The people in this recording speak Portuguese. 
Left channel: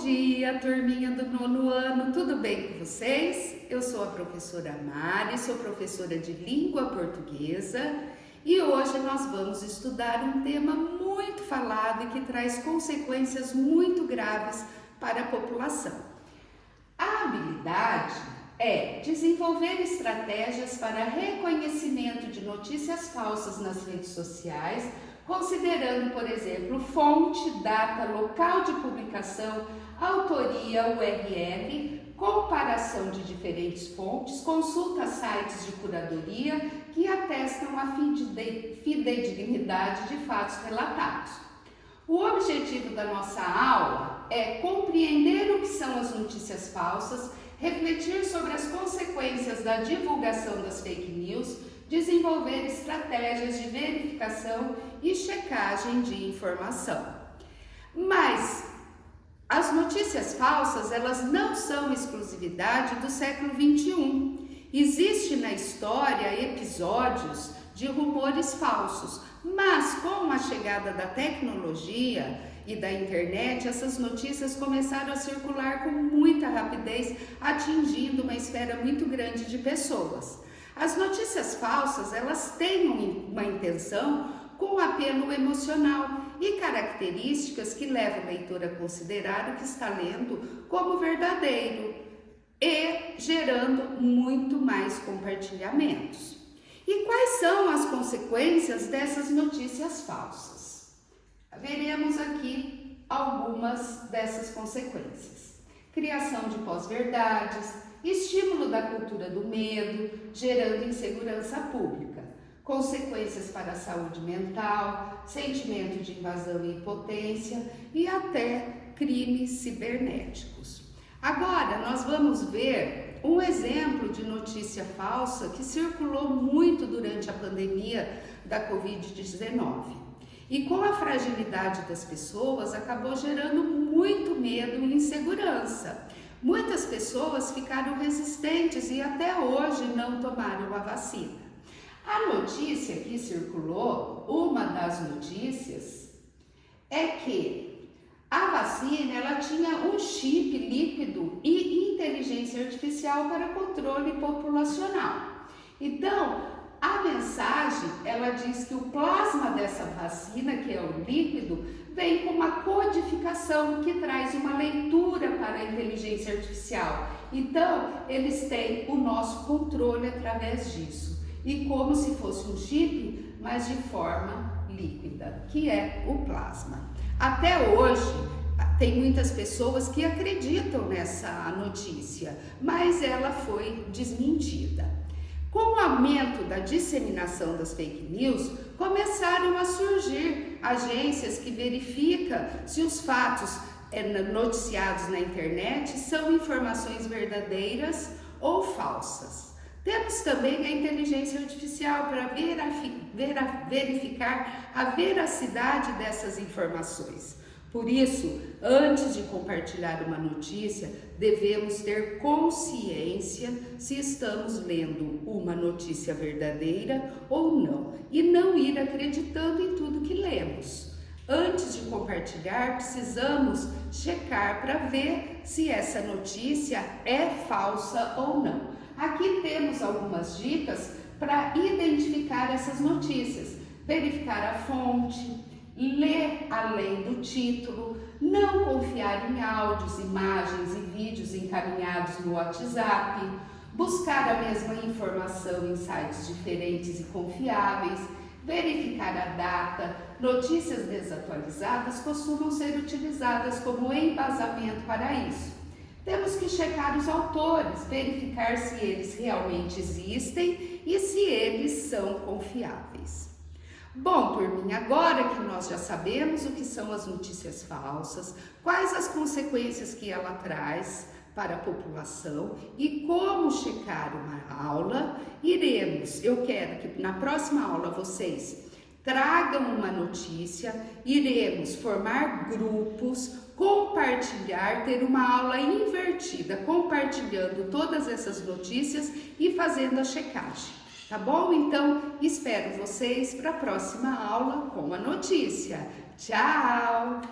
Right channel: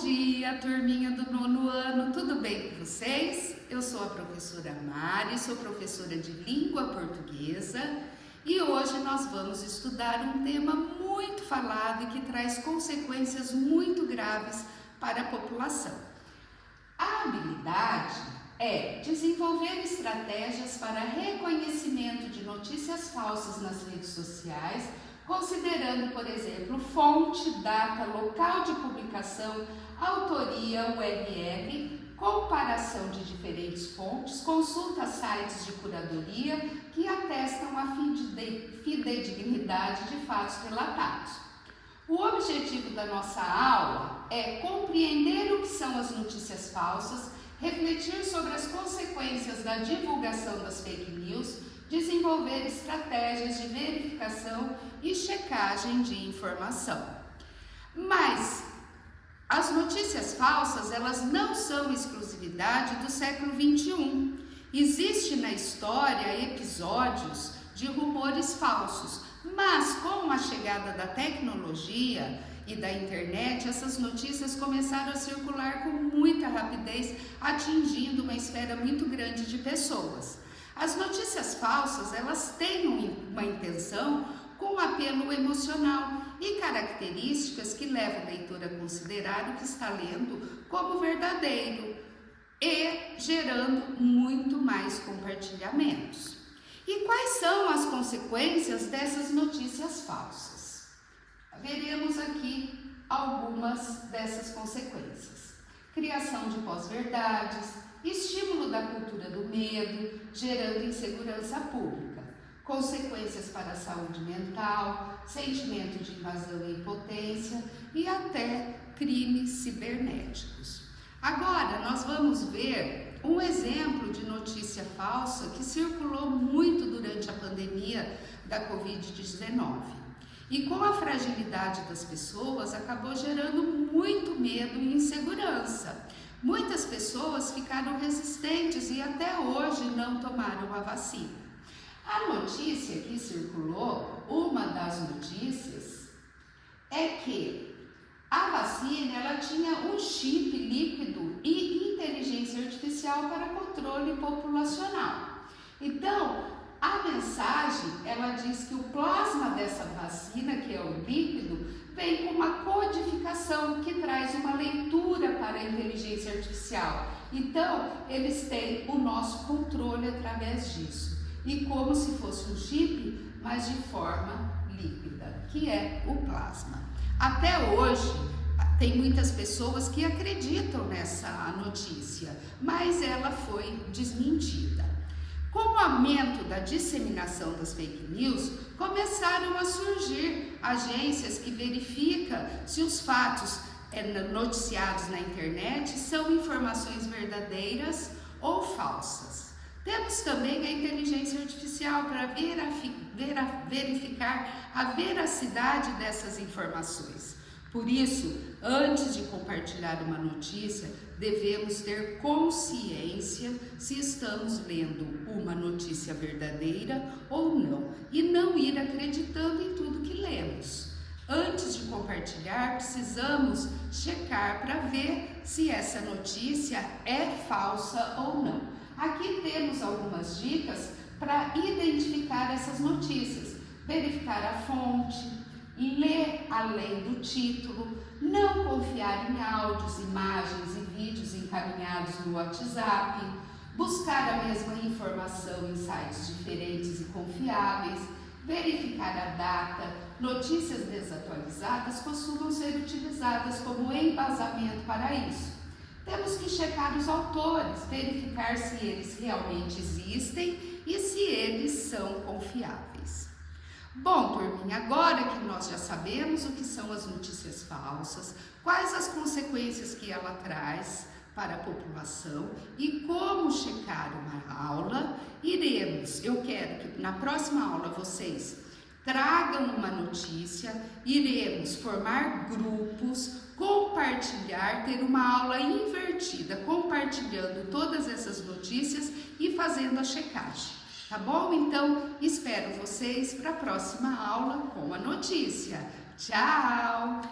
dia, turminha do 9º ano, tudo bem com vocês? Eu sou a professora Mari, sou professora de língua portuguesa e hoje nós vamos estudar um tema muito falado e que traz consequências muito graves para a população. A habilidade é desenvolver estratégias para reconhecimento de notícias falsas nas redes sociais, considerando, por exemplo, fonte, data, local de publicação, autoria, URL, comparação de diferentes fontes, consulta sites de curadoria que atestam a fidedignidade de fatos relatados. O objetivo da nossa aula é compreender o que são as notícias falsas, refletir sobre as consequências da divulgação das fake news, desenvolver estratégias de verificação e checagem de informação. Mas as notícias falsas, elas não são exclusividade do século XXI. Existe na história episódios de rumores falsos, mas com a chegada da tecnologia e da internet, essas notícias começaram a circular com muita rapidez, atingindo uma esfera muito grande de pessoas. As notícias falsas, elas têm uma intenção com apelo emocional e características que levam o leitor a considerar o que está lendo como verdadeiro e gerando muito mais compartilhamentos. E quais são as consequências dessas notícias falsas? Veremos aqui algumas dessas consequências. Criação de pós-verdades, estímulo da cultura do medo, gerando insegurança pública, consequências para a saúde mental, sentimento de invasão e impotência e até crimes cibernéticos. Agora nós vamos ver um exemplo de notícia falsa que circulou muito durante a pandemia da Covid-19. E com a fragilidade das pessoas, acabou gerando muito medo e insegurança. Muitas pessoas ficaram resistentes e até hoje não tomaram a vacina. A notícia que circulou, uma das notícias, é que a vacina ela tinha um chip líquido e inteligência artificial para controle populacional. Então, a mensagem, ela diz que o plasma dessa vacina, que é o líquido, vem com uma codificação que traz uma leitura para a inteligência artificial. Então, eles têm o nosso controle através disso. E como se fosse um chip, mas de forma líquida, que é o plasma. Até hoje, tem muitas pessoas que acreditam nessa notícia, mas ela foi desmentida. Com o aumento da disseminação das fake news, começaram a surgir agências que verificam se os fatos noticiados na internet são informações verdadeiras ou falsas. Temos também a inteligência artificial para verificar a veracidade dessas informações. Por isso, antes de compartilhar uma notícia, devemos ter consciência se estamos lendo uma notícia verdadeira ou não, e não ir acreditando em tudo que lemos. Antes de compartilhar, precisamos checar para ver se essa notícia é falsa ou não. Aqui temos algumas dicas para identificar essas notícias. Verificar a fonte, ler além do título, não confiar em áudios, imagens e vídeos encaminhados no WhatsApp, buscar a mesma informação em sites diferentes e confiáveis, verificar a data. Notícias desatualizadas costumam ser utilizadas como embasamento para isso. Temos que checar os autores, verificar se eles realmente existem e se eles são confiáveis. Bom, turminha, agora que nós já sabemos o que são as notícias falsas, quais as consequências que ela traz para a população e como checar uma aula, eu quero que na próxima aula vocês tragam uma notícia, iremos formar grupos, compartilhar, ter uma aula invertida, compartilhando todas essas notícias e fazendo a checagem. Tá bom? Então, espero vocês para a próxima aula com a notícia. Tchau!